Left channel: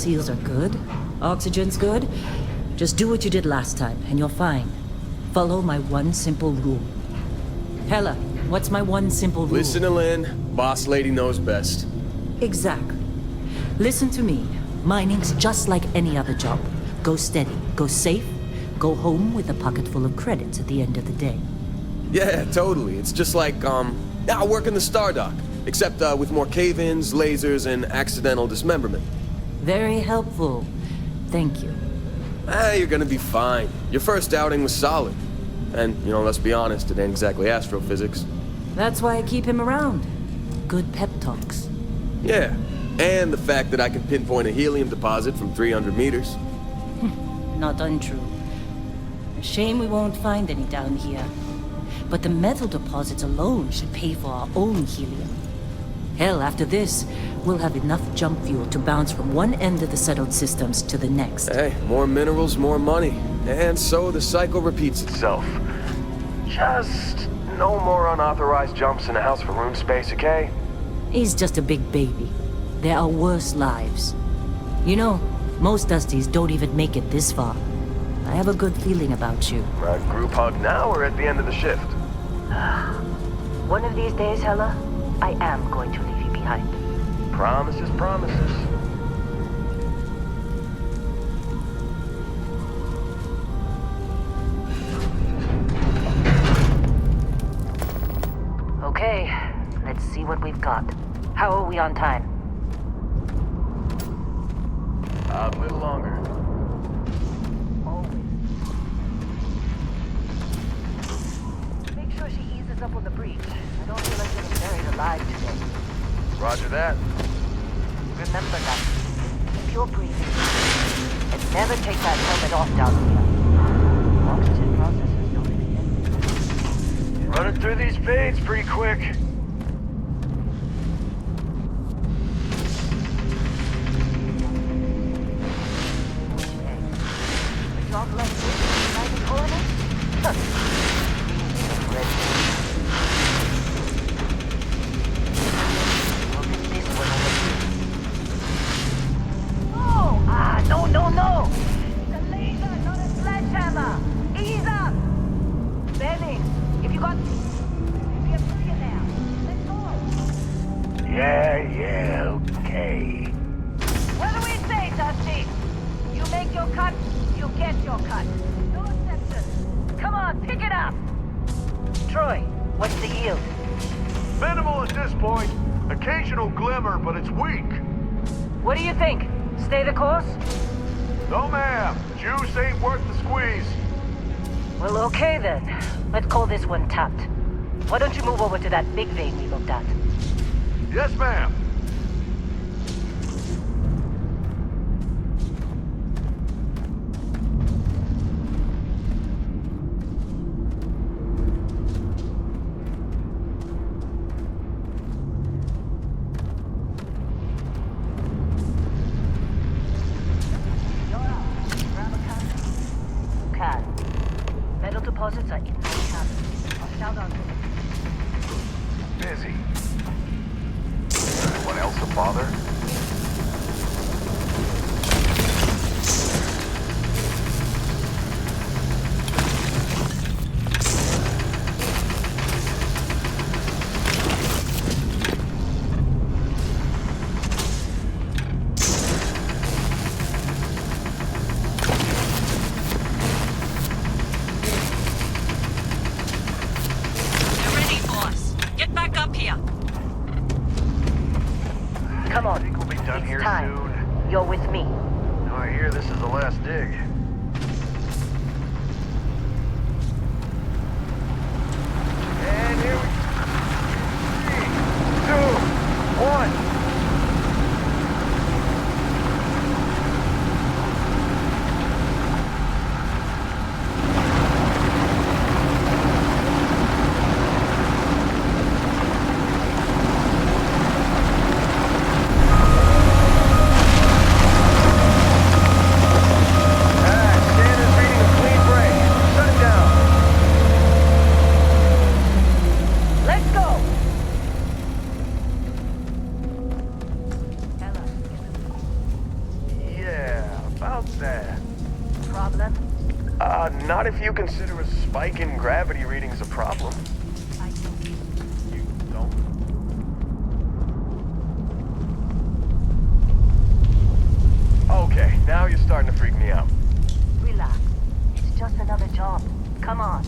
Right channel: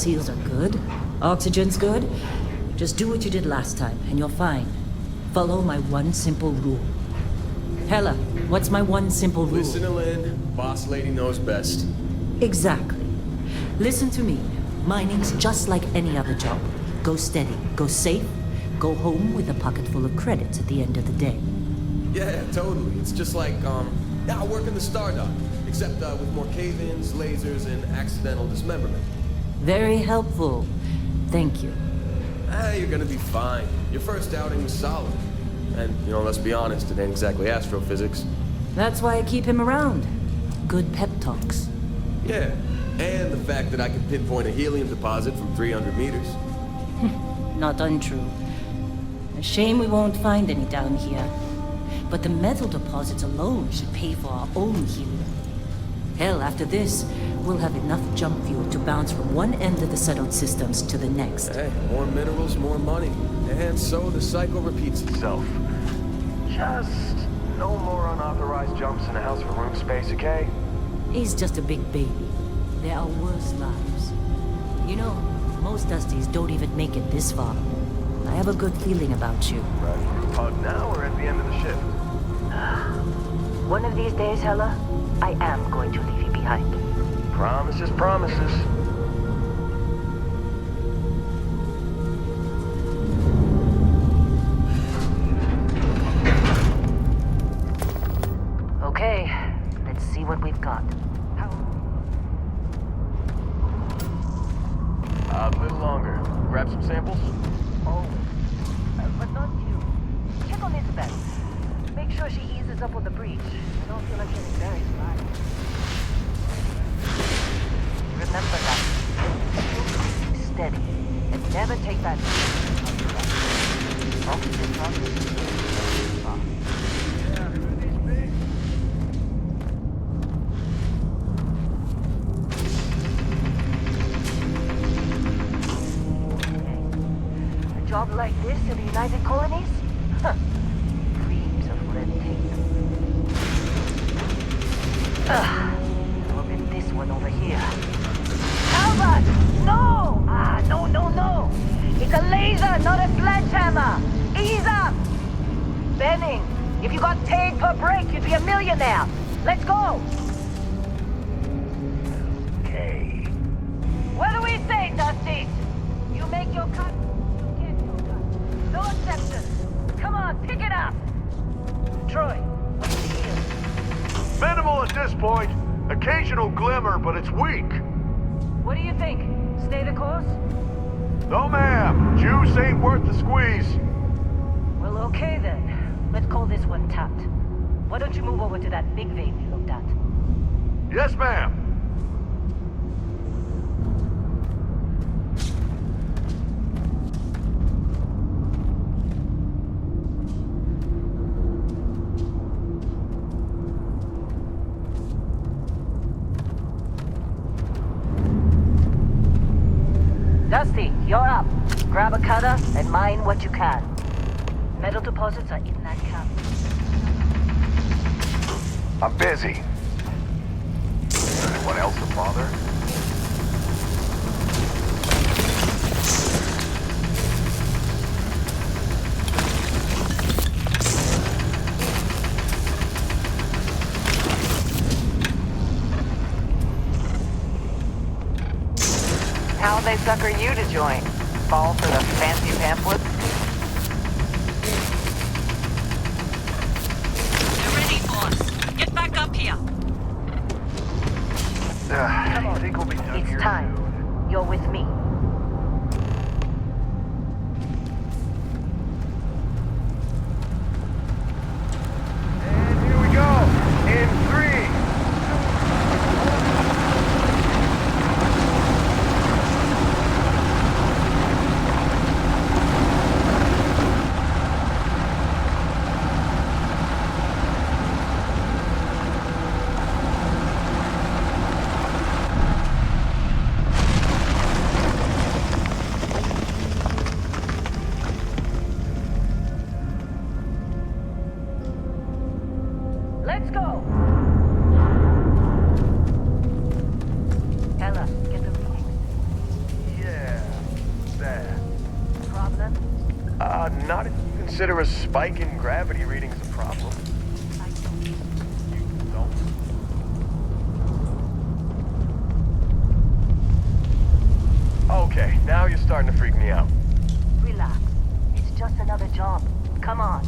seals are good. Oxygen's good. Just do what you did last time, and you're fine. Follow my one simple rule. Hella, what's my one simple rule? Listen to Lynn. Boss lady knows best. Exactly. Listen to me. Mining's just like any other job. Go steady, go safe, go home with a pocket full of credits at the end of the day. Yeah, totally. It's just like, I work in the Star Dock. Except, with more cave-ins, lasers, and accidental dismemberment. Very helpful. Thank you. You're gonna be fine. Your first outing was solid. And, let's be honest, it ain't exactly astrophysics. That's why I keep him around. Good pep talks. Yeah, and the fact that I can pinpoint a helium deposit from 300 meters. Not untrue. A shame we won't find any down here. But the metal deposits alone should pay for our own helium. Hell, after this, we'll have enough jump fuel to bounce from one end of the settled systems to the next. Hey, more minerals, more money. And so the cycle repeats itself. Just no more unauthorized jumps in a house for room space, okay? He's just a big baby. There are worse lives. You know, most Dusties don't even make it this far. I have a good feeling about you. Group hug now or at the end of the shift? One of these days, Hella, I am going to leave you behind. Promises, promises. Okay, let's see what we've got. How are we on time? A little longer. Grab some samples? Always. But not... Check on Isabel. Make sure she eases up on the breach. I don't feel like getting buried alive today. Roger that. Remember that. You're safe. And never take that helmet off down to that. Oxygen processes don't Running through these fades pretty quick. A job like this in the United Colonies? Huh. Dreams of red I'll get this one over here. Albert! No! No! It's a laser, not a sledgehammer! Ease up! Benning, if you got paid per break, you'd be a millionaire. Let's go! Yeah, okay. What do we say, Dusty? You make your cut, you get your cut. No exceptions. Come on, pick it up! Troy, what's the yield? Minimal at this point. Occasional glimmer, but it's weak. What do you think? Stay the course? No, ma'am. Juice ain't worth the squeeze. Well, okay then. Let's call this one tapped. Why don't you move over to that big vein we looked at? Yes, ma'am. Dusty, you're up. Grab a cutter and mine what you can. Metal deposits are in that cabin. Now done. I'm busy. Anyone else a bother? How'll they sucker you to join? Fall for a fancy pamphlet? You're ready, boss. Get back up here. Come on, Not if you consider a spike in gravity readings a problem. You don't? Okay, now you're starting to freak me out. Relax. It's just another jump. Come on.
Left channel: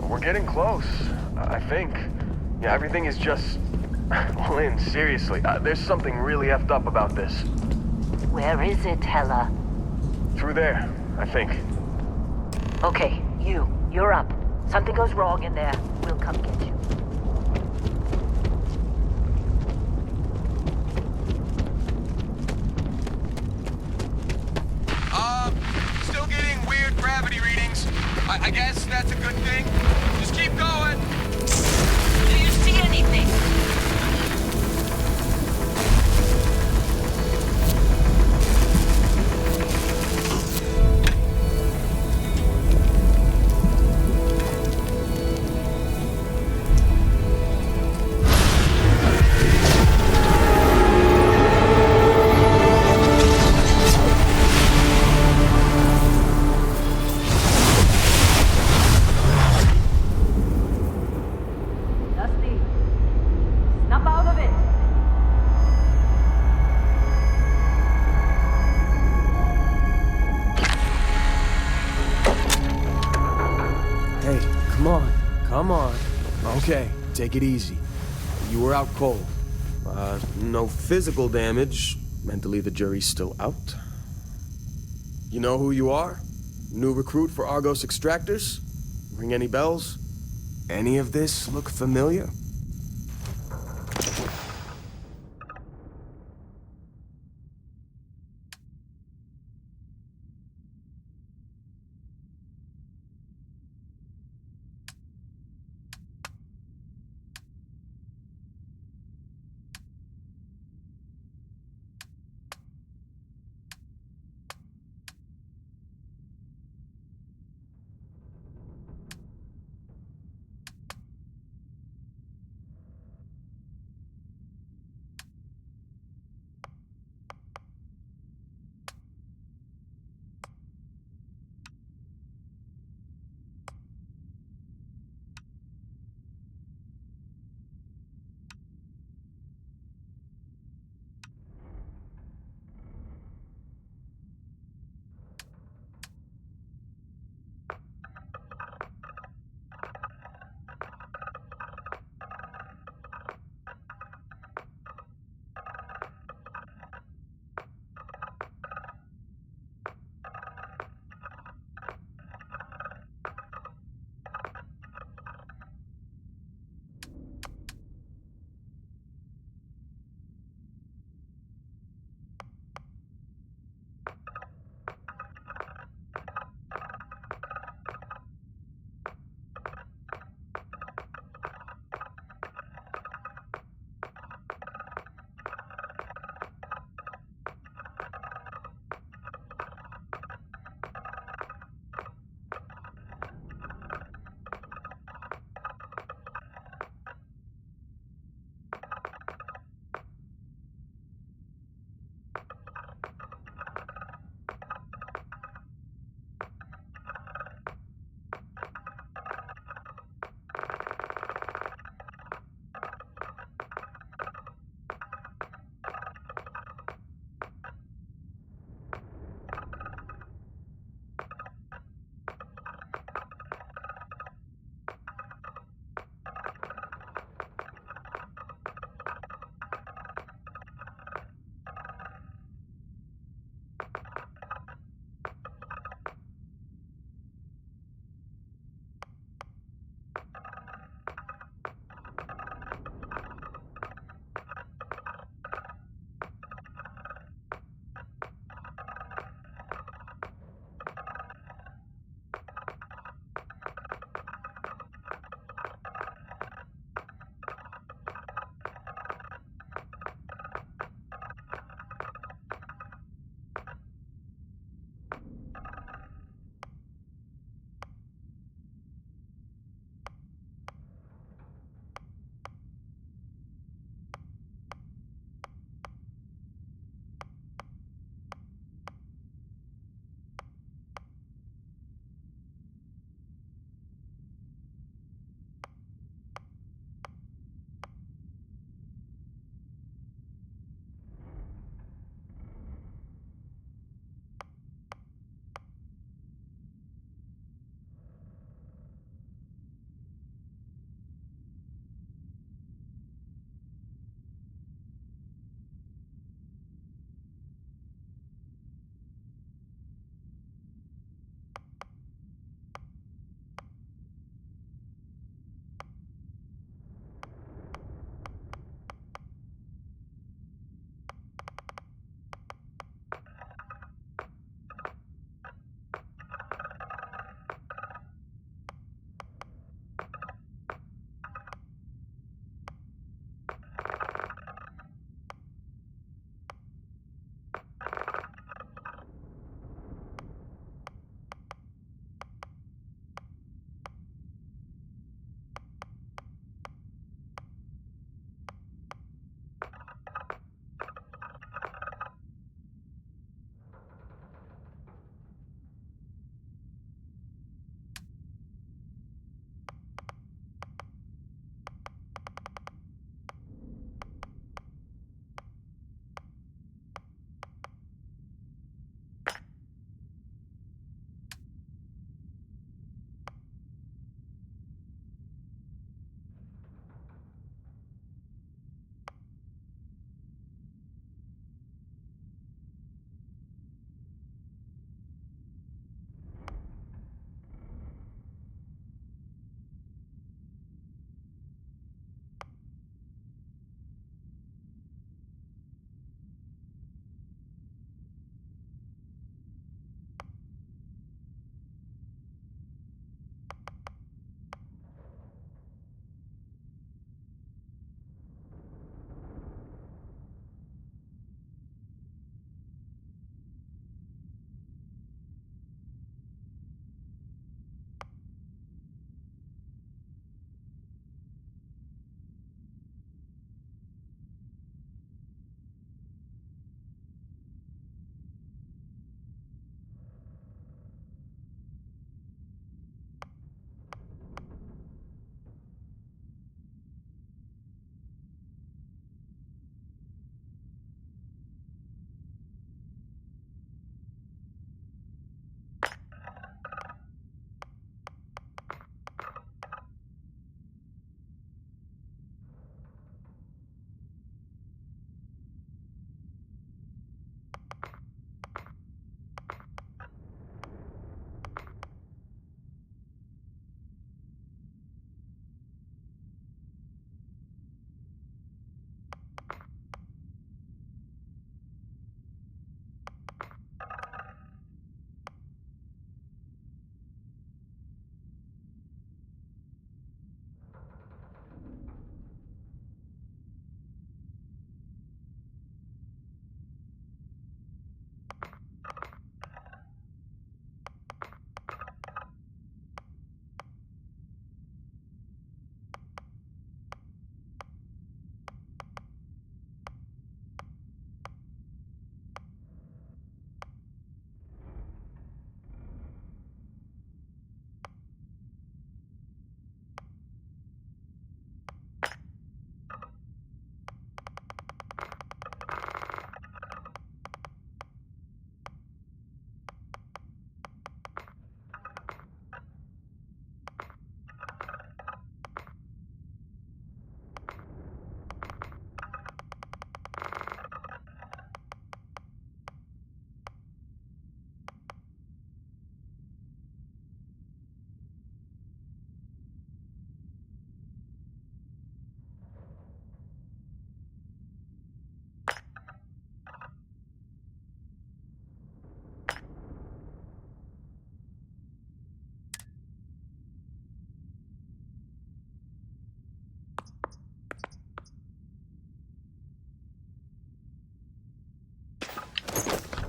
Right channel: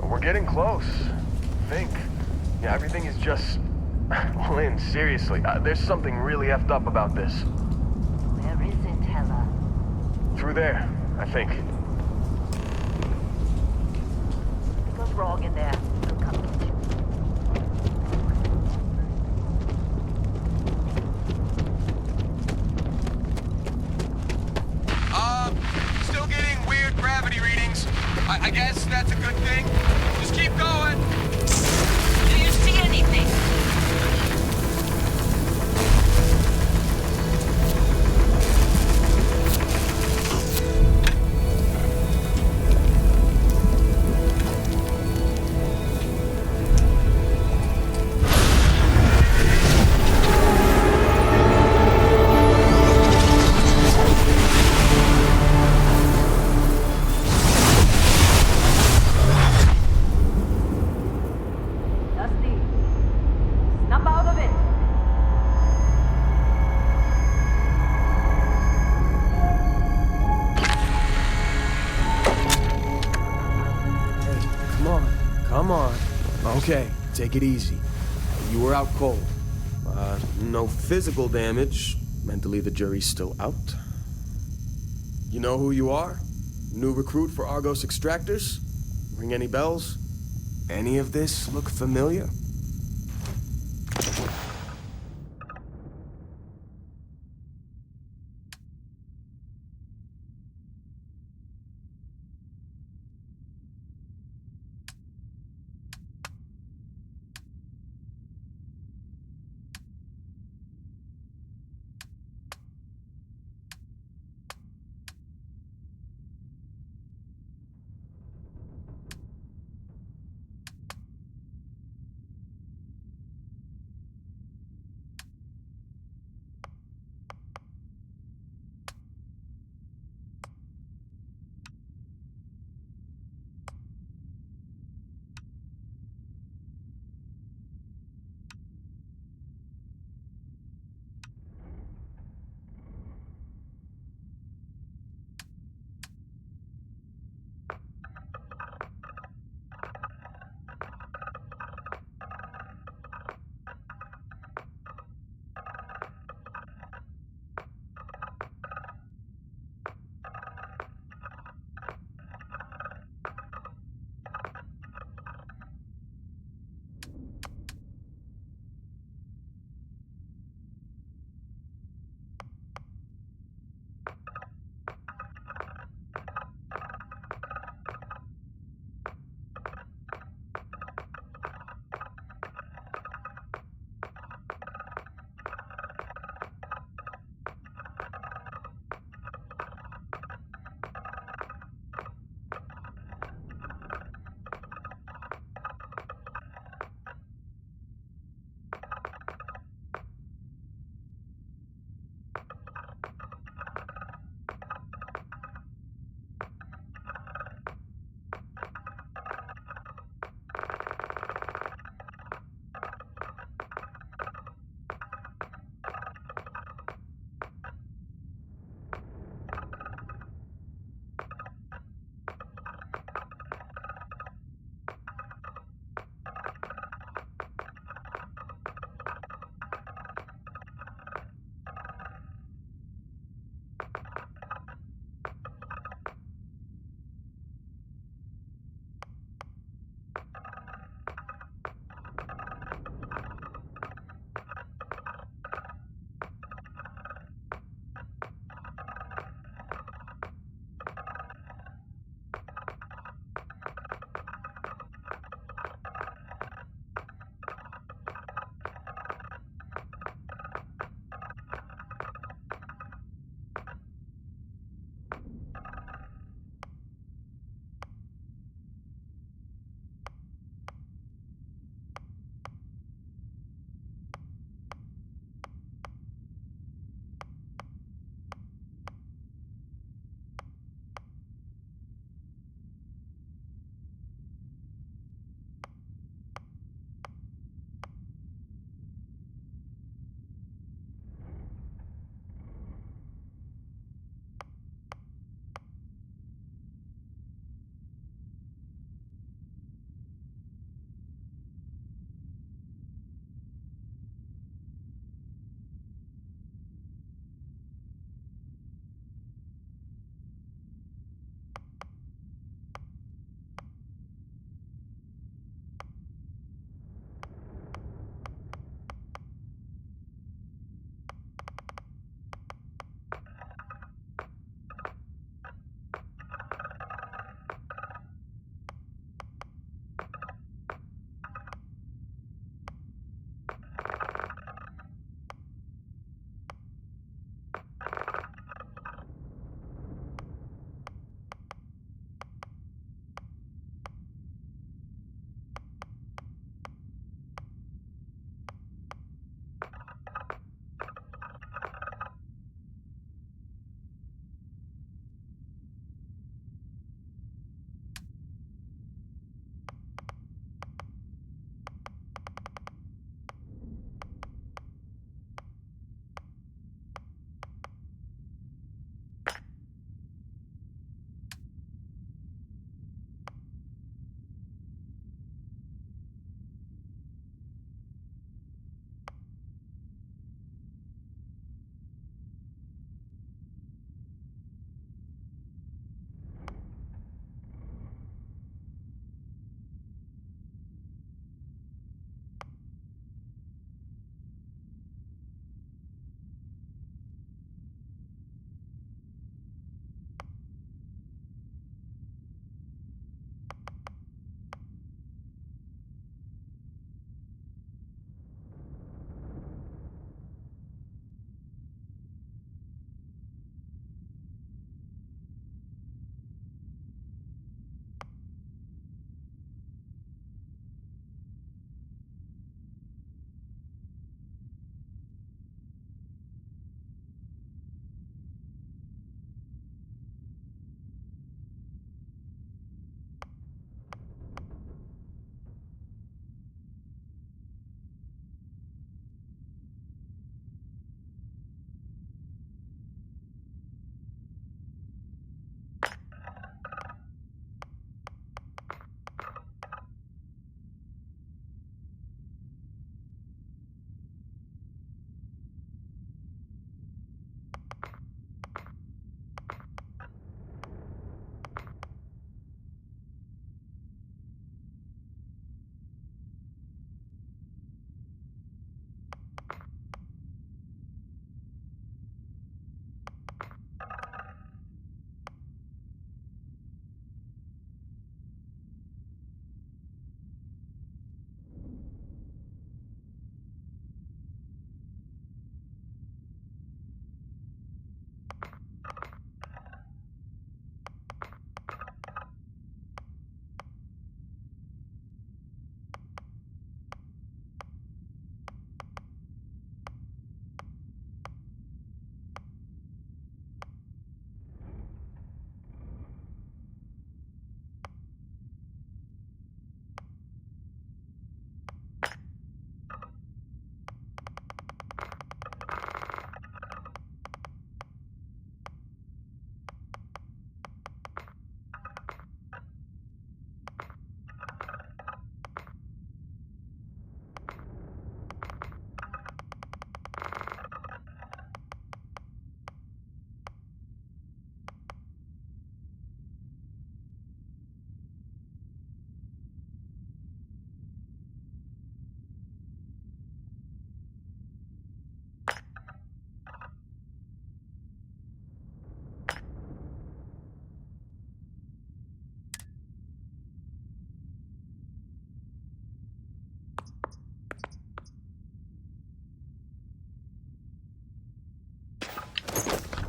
We're getting close, I think. Yeah, everything is just... Lynn, seriously, there's something really effed up about this. Where is it, Hella? Through there, I think. Okay, you're up. Something goes wrong in there, we'll come get you. Still getting weird gravity readings. I guess that's a good thing. Just keep going. Do you see anything? Dusty, snap out of it. Hey, come on. Come on. Okay, take it easy. You were out cold. No physical damage. Mentally, the jury's still out. You know who you are? New recruit for Argos Extractors? Ring any bells? Any of this look familiar?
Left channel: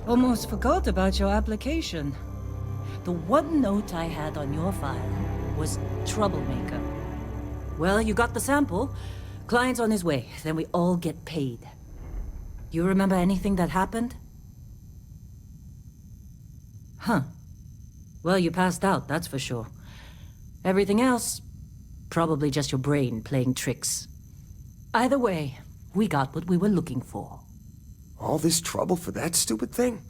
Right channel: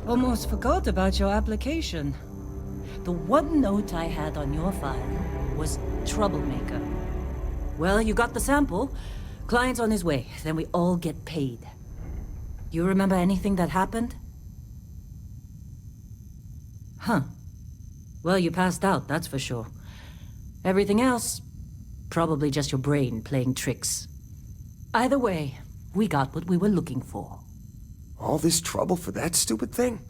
Almost forgot about your application. The one note I had on your file was troublemaker. Well, you got the sample. Client's on his way, then we all get paid. You remember anything that happened? Huh. Well, you passed out, that's for sure. Everything else, probably just your brain playing tricks. Either way, we got what we were looking for. All this trouble for that stupid thing?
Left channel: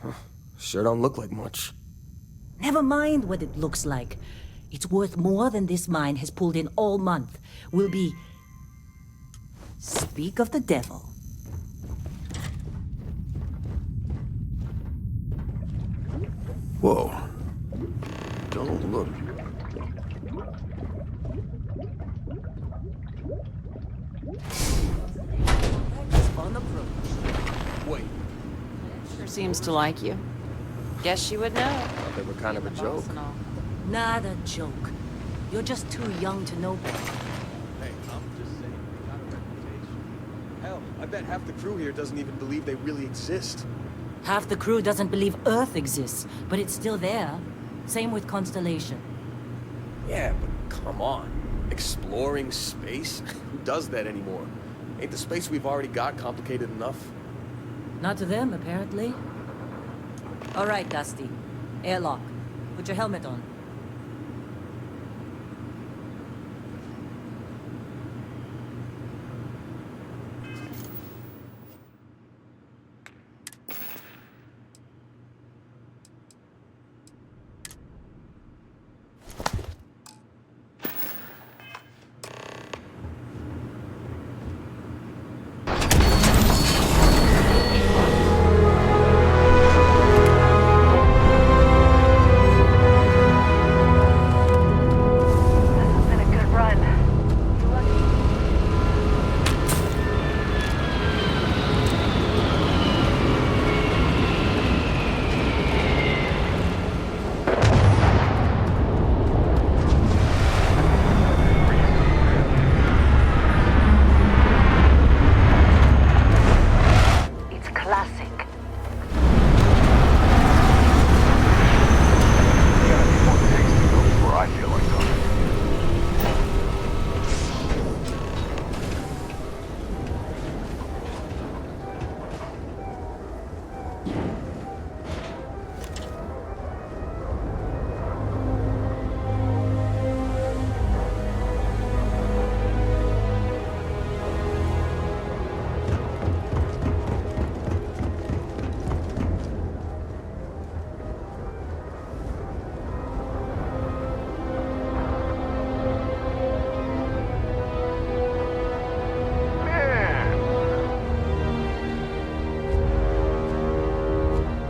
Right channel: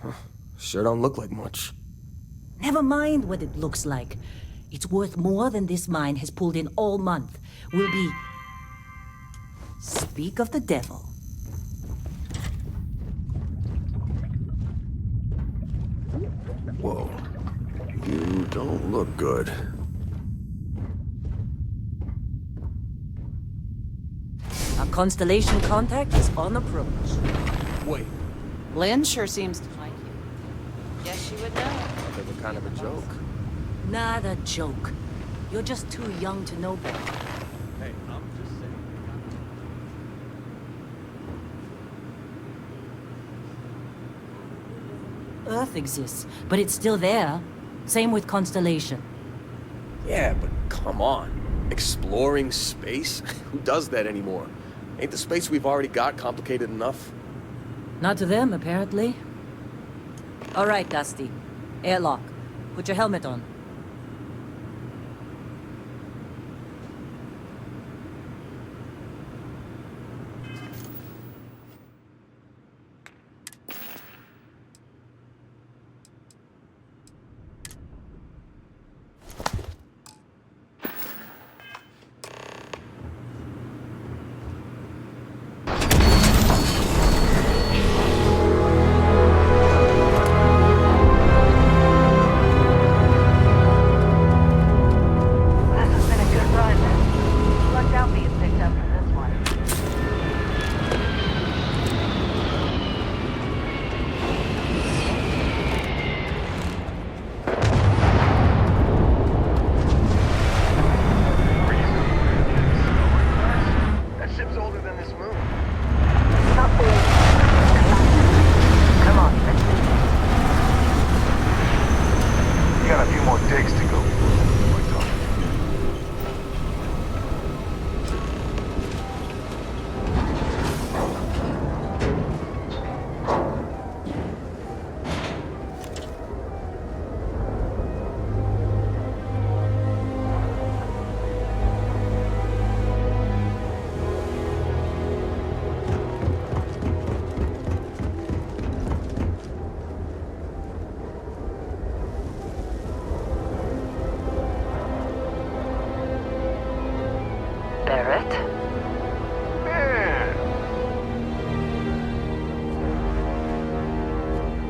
Huh. Sure don't look like much. Never mind what it looks like. It's worth more than this mine has pulled in all month. We'll be... Speak of the devil. Whoa. You don't look good. Our Constellation contact is on approach. Wait, Lynn sure seems to like you. Guess she would know. thought they were kind of a joke. Not a joke. You're just too young to know better. Hey, I'm just saying. Hell, I bet half the crew here doesn't even believe they really exist. Half the crew doesn't believe Earth exists, but it's still there. Same with Constellation. Yeah, but come on. Exploring space? Who does that anymore? Ain't the space we've already got complicated enough? Not to them, apparently. All right, Dusty. Airlock. Put your helmet on.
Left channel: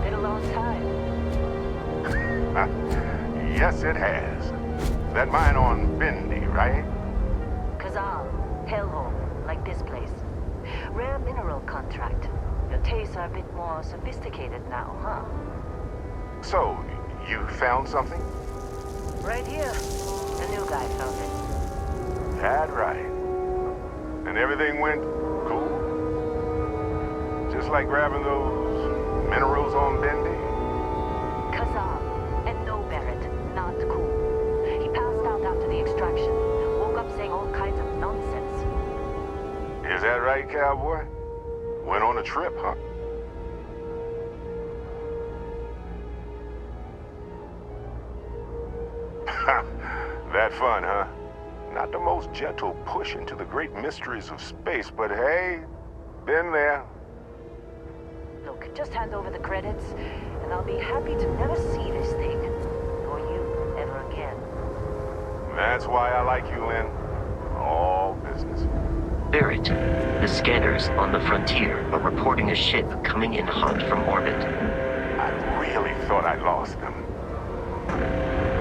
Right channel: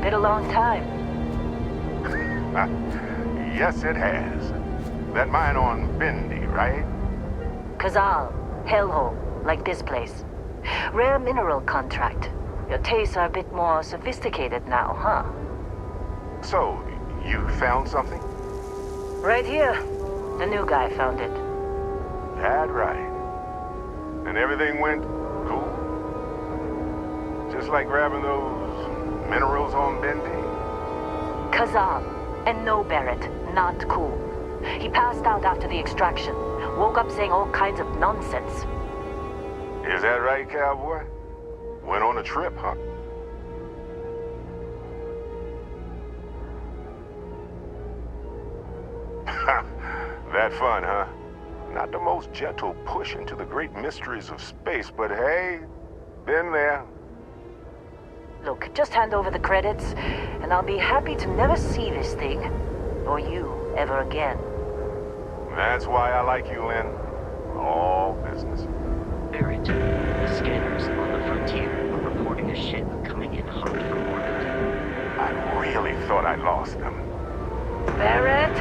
Been a long time. Yes, it has. That mine on Bendy, right? Kazal, hellhole, like this place. Rare mineral contract. Your tastes are a bit more sophisticated now, huh? So, you found something? Right here. A new guy found it. That right. And everything went cool? Just like grabbing those minerals on Bendy? Kazal, and no Barrett, not cool. He passed out after the extraction. Woke up saying all kinds of nonsense. Is that right, cowboy? Went on a trip, huh? That fun, huh? Not the most gentle push into the great mysteries of space, but hey, been there. Look, just hand over the credits, and I'll be happy to never see this thing, or you, ever again. That's why I like you, Lynn. All business. Barrett, the scanners on the frontier are reporting a ship coming in hot from orbit. I really thought I lost them. Barrett?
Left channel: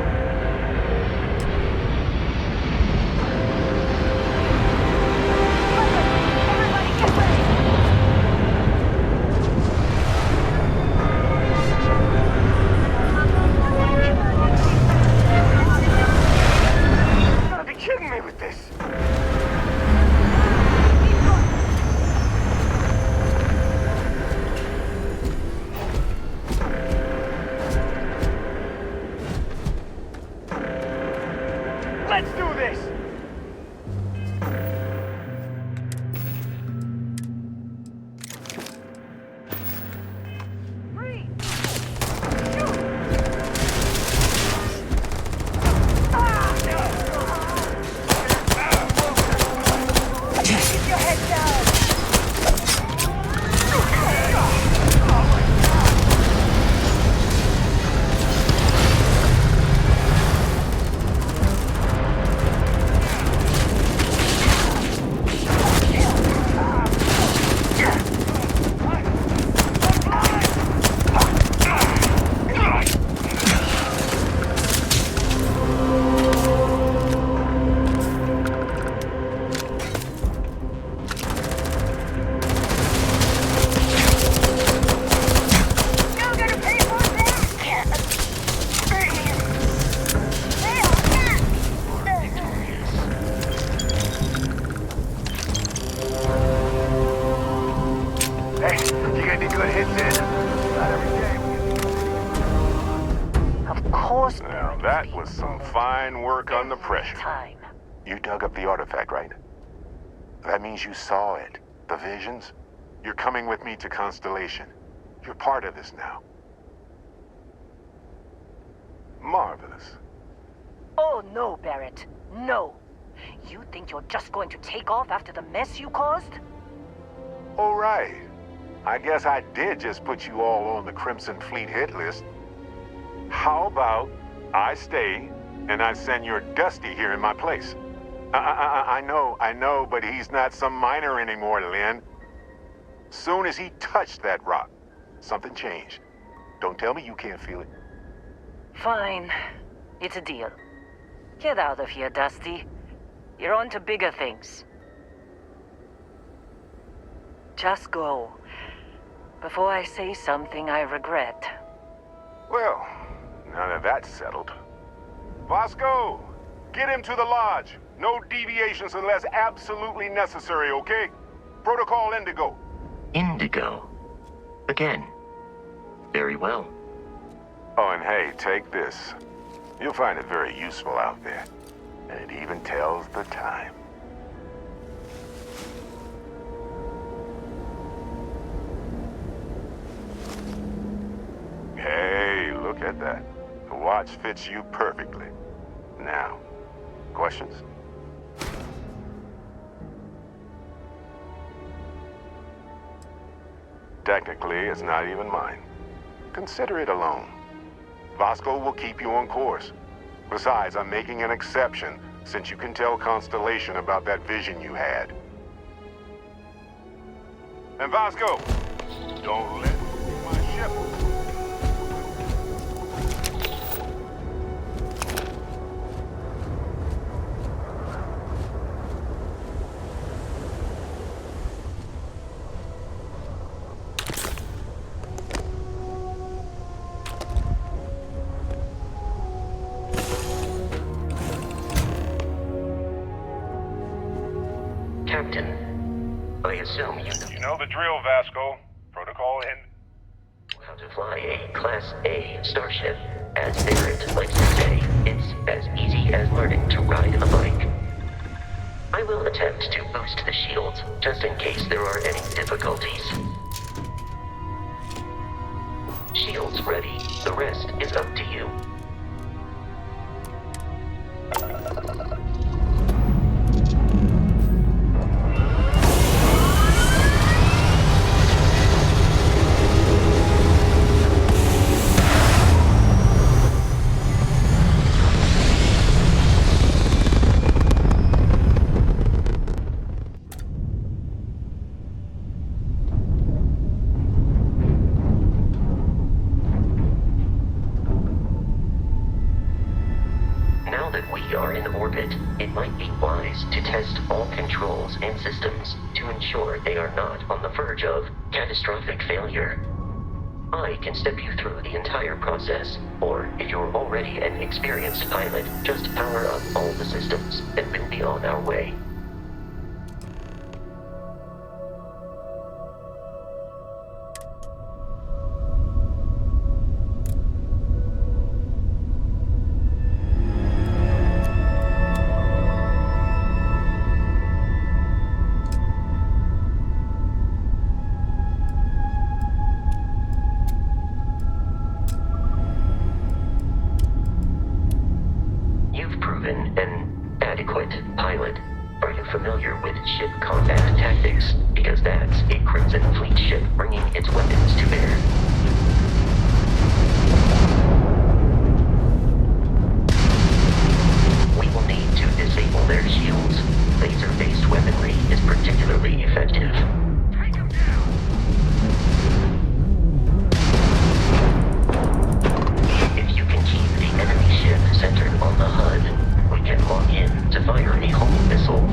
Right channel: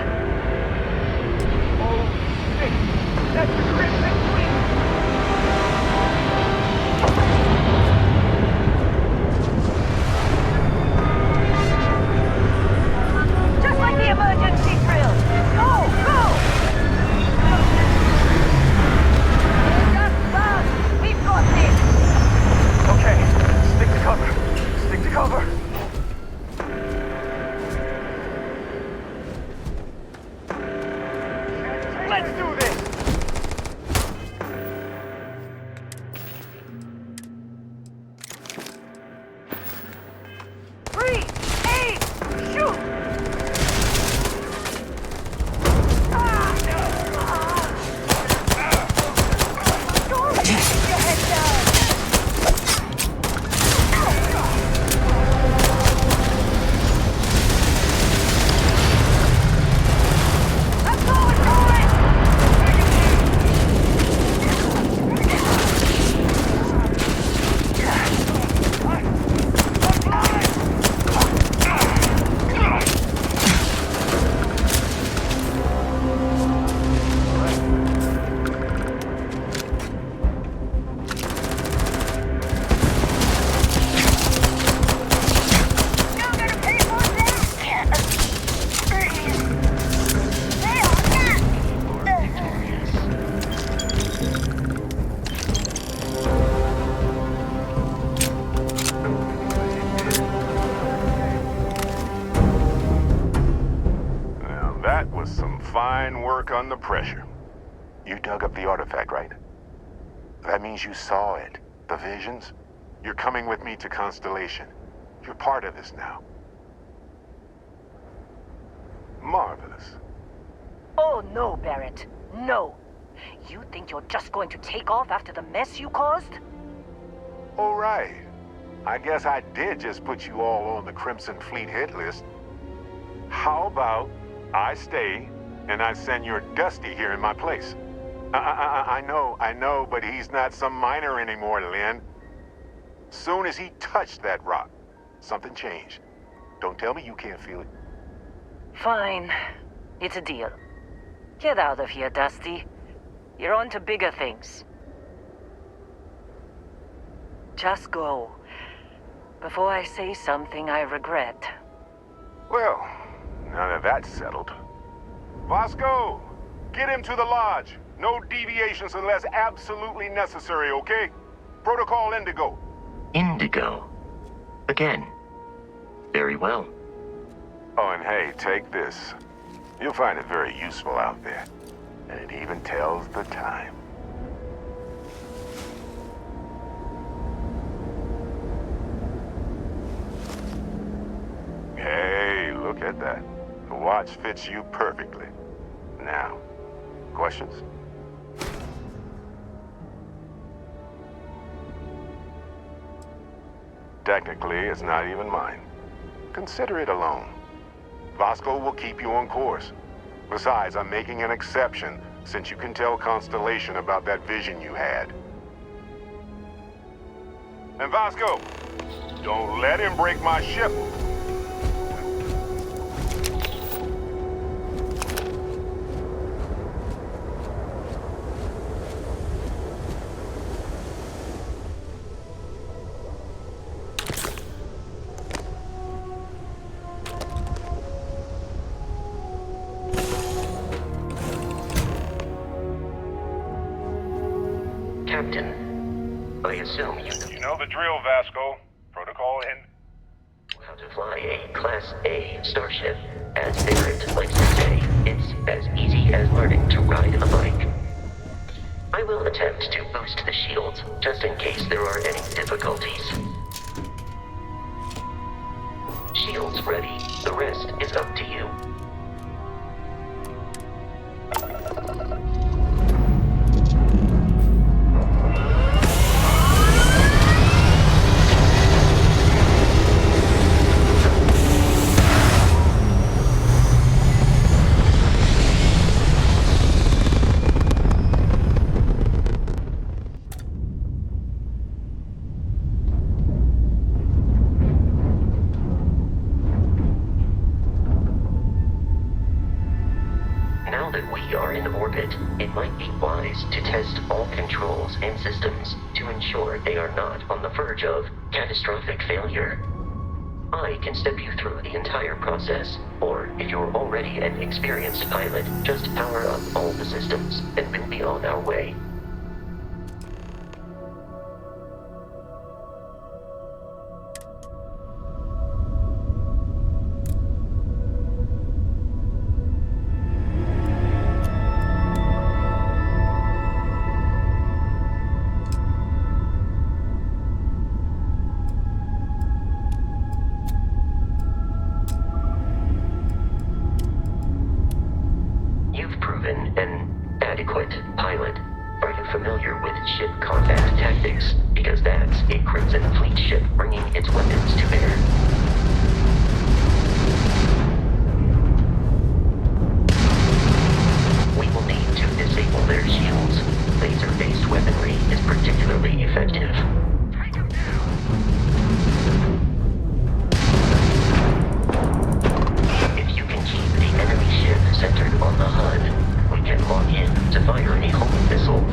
Just like the emergency drill. Go, go! We've got this. Okay, stick to cover. Stick to cover. I'm getting good hits in. Not every day. Of course. Now, that was some fine work under pressure. Time. You dug up the artifact, right? That means you saw it. The visions? You're coming with me to Constellation. You're part of this now. Marvelous. Oh no, Barrett. No. You think you're just going to take off after the mess you caused? All right. I guess I did just put you all on the Crimson Fleet hit list. How about I stay and I send your Dusty here in my place? I know, but he's not some miner anymore, Lynn. Soon as he touched that rock, something changed. Don't tell me you can't feel it. Fine. It's a deal. Get out of here, Dusty. You're on to bigger things. Just go. Before I say something I regret. Well, now that that's settled. Vasco, get him to the lodge. No deviations unless absolutely necessary, okay? Protocol Indigo. Indigo. Again. Very well. Oh, and hey, take this. You'll find it very useful out there. And it even tells the time. Hey, look at that. The watch fits you perfectly. Now, questions? Technically, it's not even mine. Consider it a loan. Vasco will keep you on course. Besides, I'm making an exception since you can tell Constellation about that vision you had. And Vasco, don't let him break my ship. Captain, I assume you You know the drill, Vasco. Protocol in. know how to fly a Class A starship. As Barrett likes to say, it's as easy as learning to ride a bike. I will attempt to boost the shields, just in case there are any difficulties. Shields ready. The rest is up to you. Now that we are in orbit, it might be wise to test all controls and systems to ensure they are not on the verge of catastrophic failure. I can step you through the entire process, or if you're already an experienced pilot, just power up all the systems, and we'll be on our way. You've proven an adequate pilot. Are you familiar with ship combat tactics? Because that's a Crimson Fleet ship bringing its weapons to bear. We will need to disable their shields. Laser-based weaponry is particularly effective. Take him down! If you can keep the enemy ship centered on the HUD, we can lock in to fire a homing missile.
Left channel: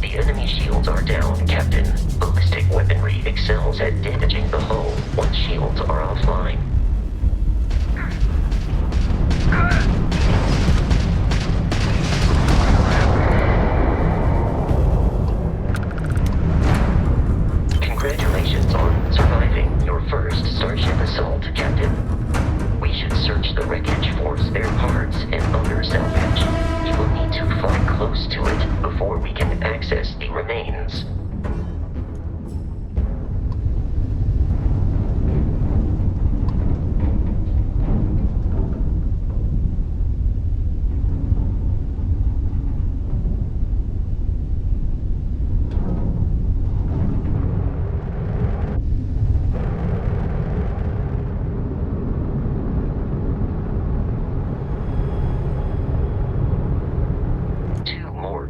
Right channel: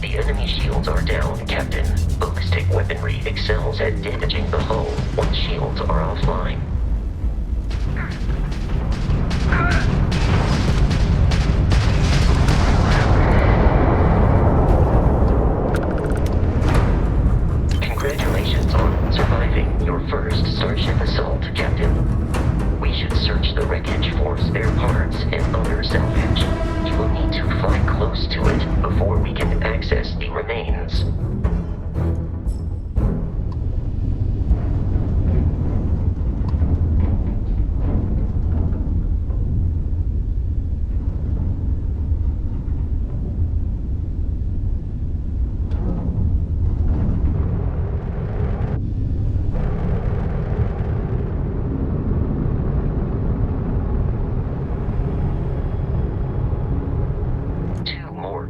The enemy shields are down, Captain. Ballistic weaponry excels at damaging the hull once shields are offline. Congratulations on first starship assault, Captain. We should search the wreckage for spare parts and other salvage. You will need to fly close to it before we can access the remains.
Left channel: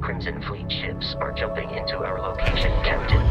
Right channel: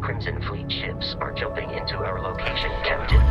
Crimson Fleet ships are jumping into our location, Captain.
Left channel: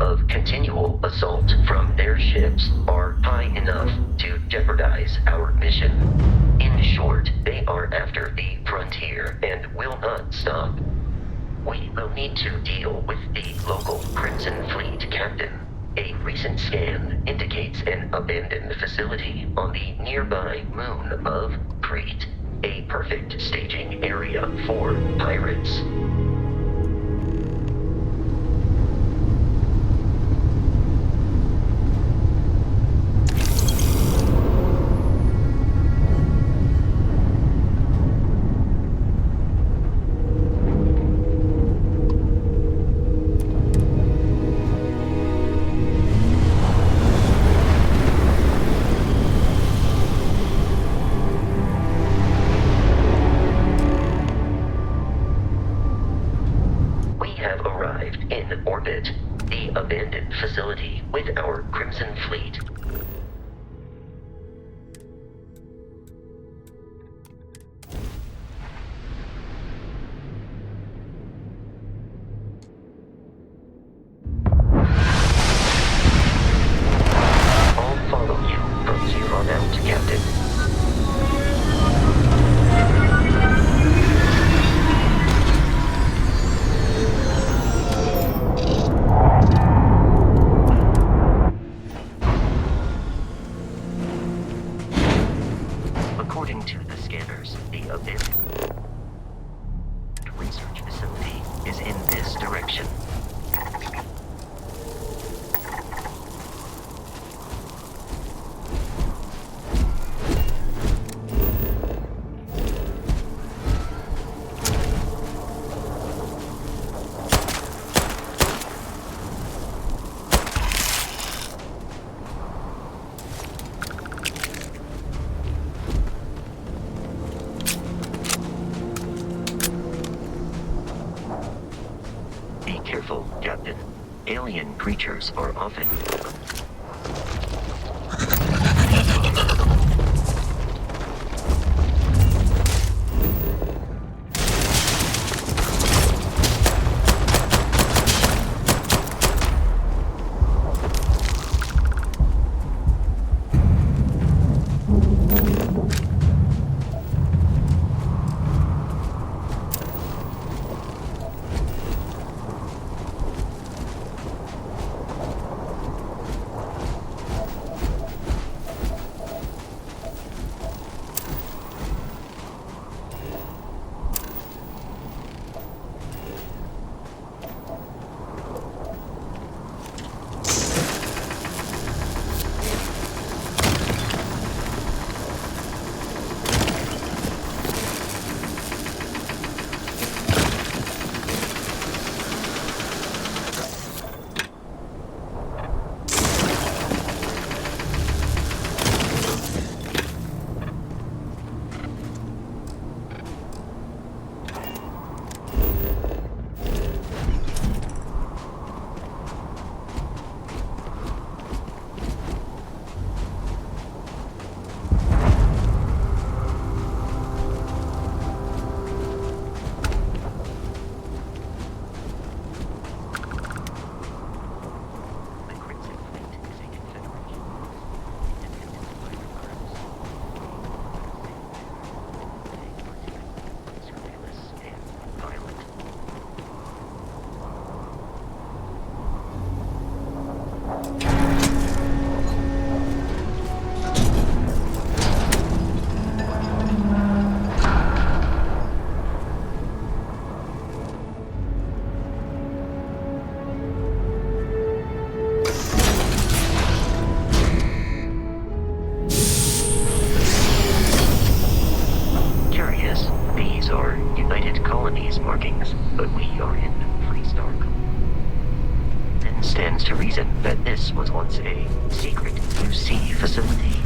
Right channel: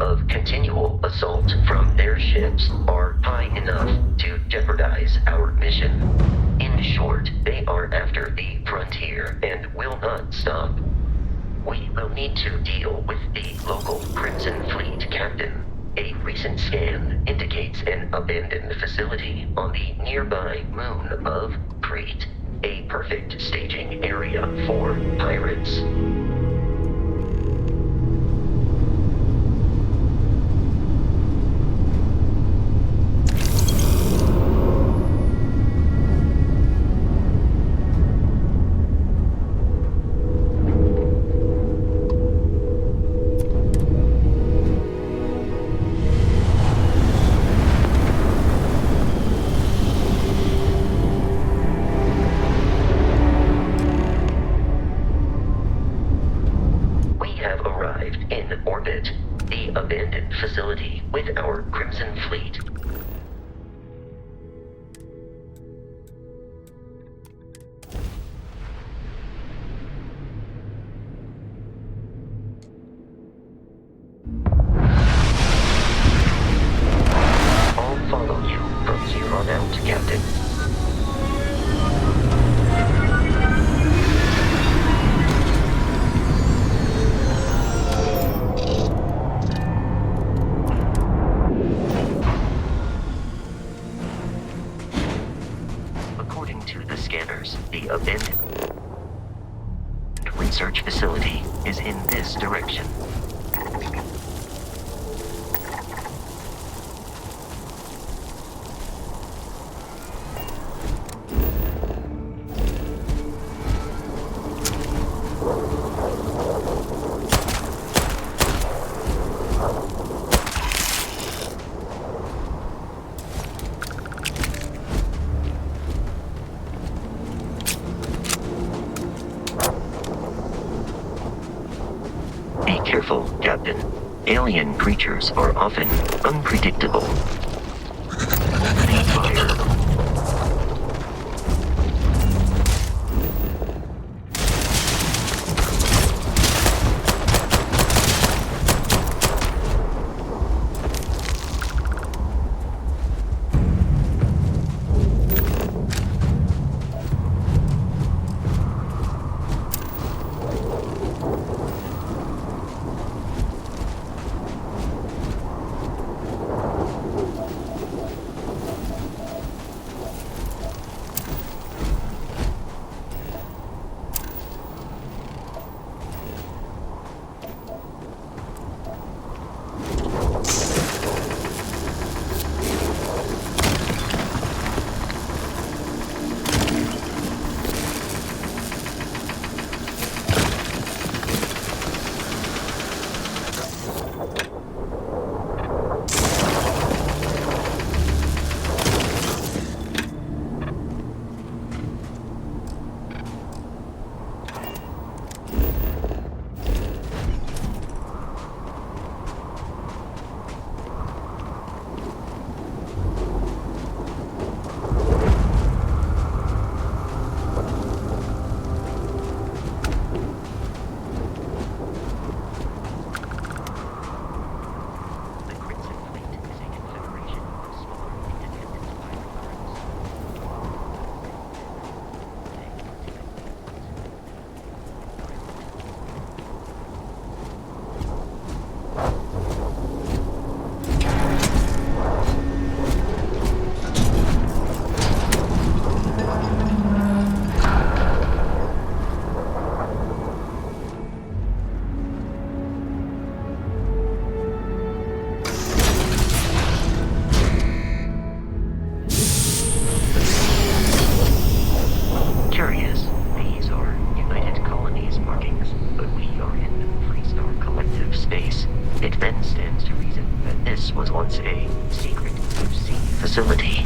Of continual assault from their ships are high enough to jeopardize our mission. In short, they are after the frontier and will not stop. We will need to deal with the local Crimson Fleet captain. A recent scan indicates an abandoned facility on the nearby moon of Crete, a perfect staging area for pirates. Facility with our Crimson Fleet. I'll follow you from here on out, Captain. According to the scanners, the abandoned research facility is in this direction. Be careful, Captain. Alien creatures are often unpredictable. Fire. but we are in Freestar Collective space. It then stands to reason that this was once a secret UC facility.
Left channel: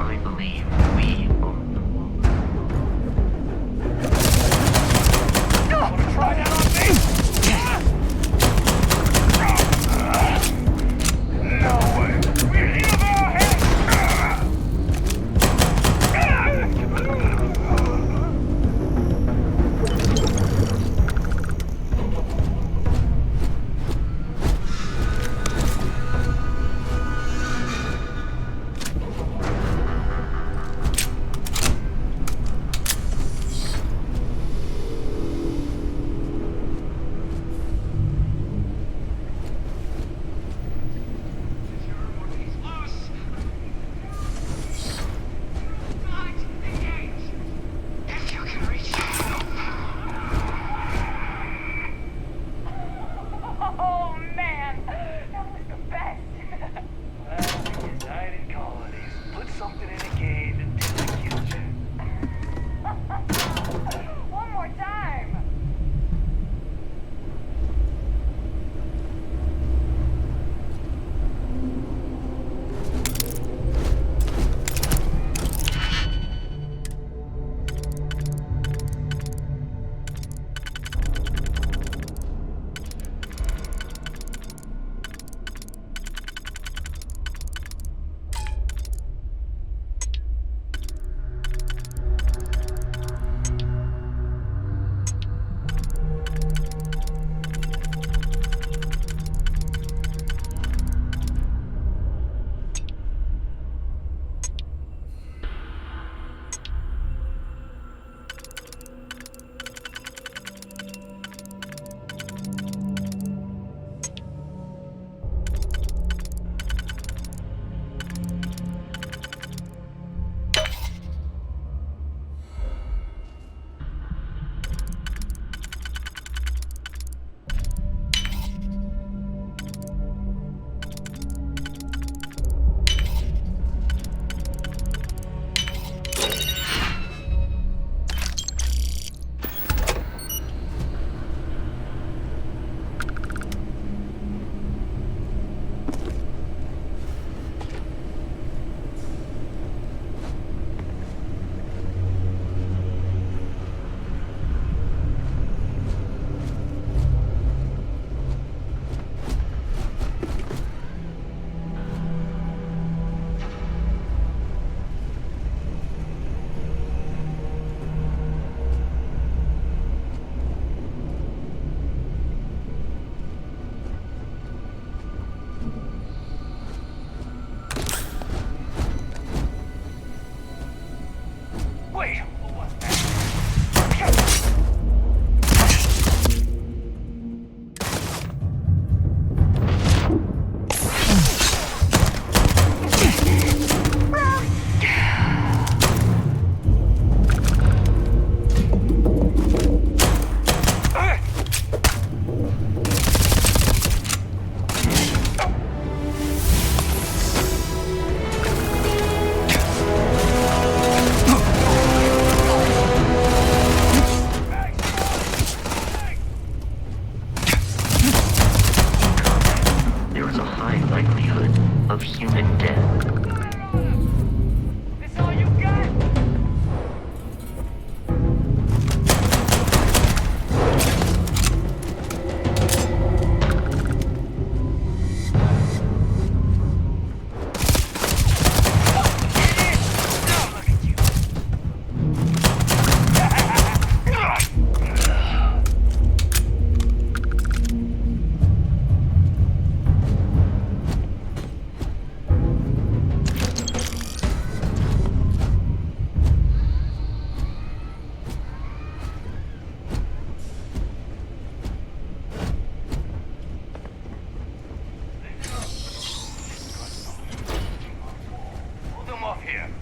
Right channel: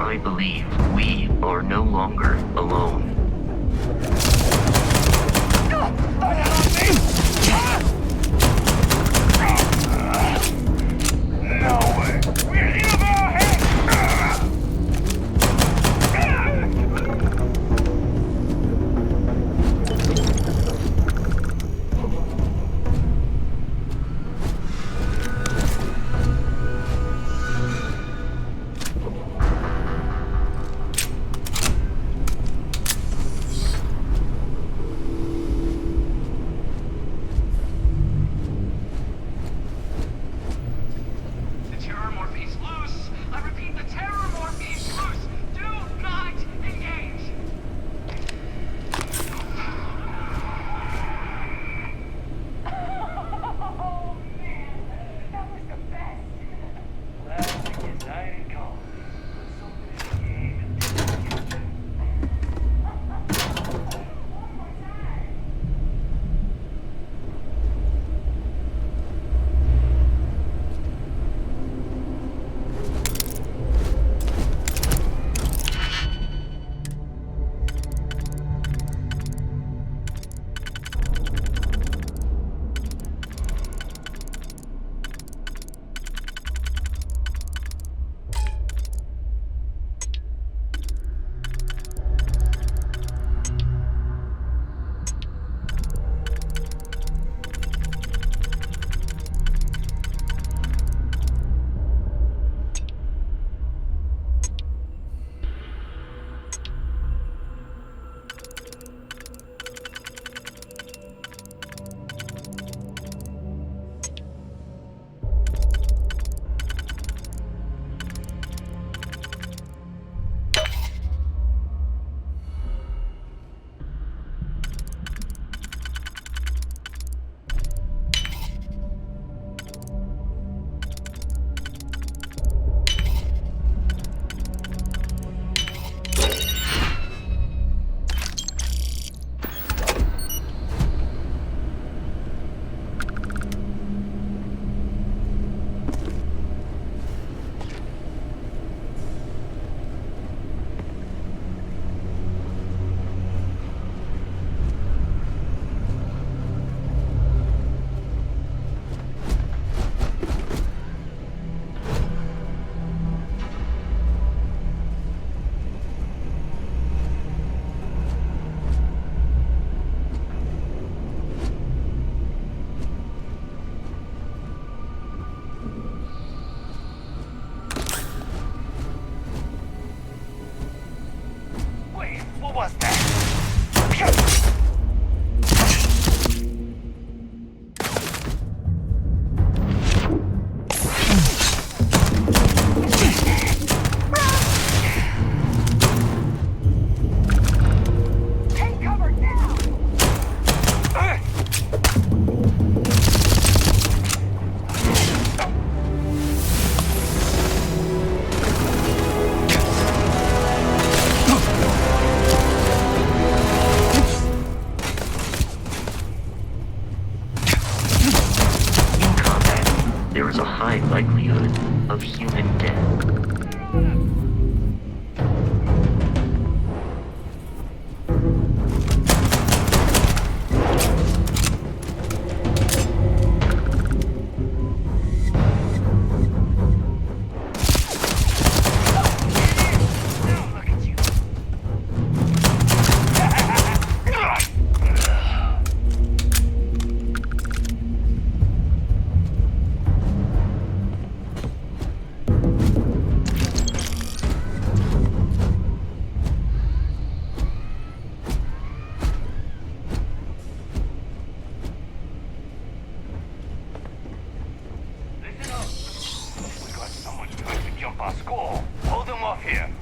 I believe we are no longer alone. Try that on me! No way! We're in of our heads!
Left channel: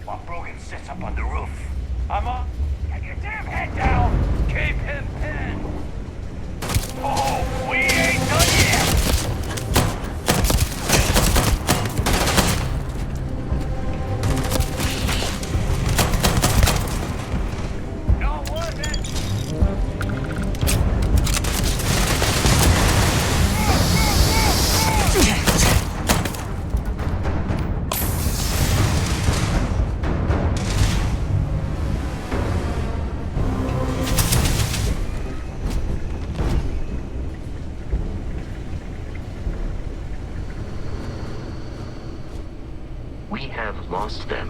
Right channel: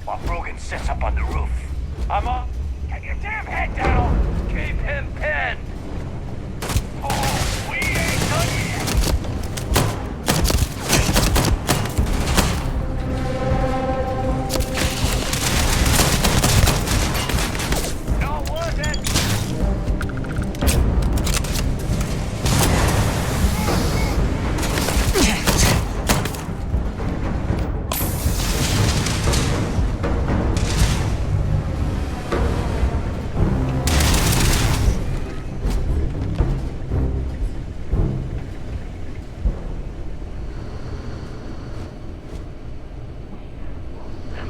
while Brogan sits up on the roof. I'm on. Get your damn head down! Keep him pinned! Oh, we ain't done yet! Not worth it! We have lost them.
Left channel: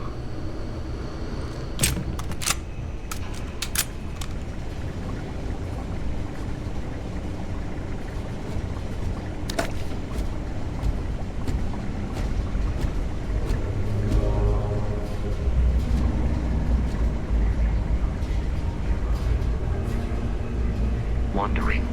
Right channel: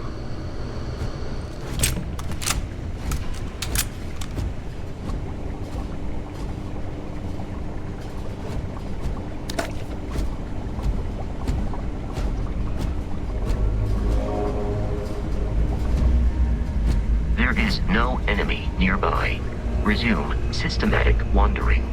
There is no enemy nearby. Resume systematic wandering.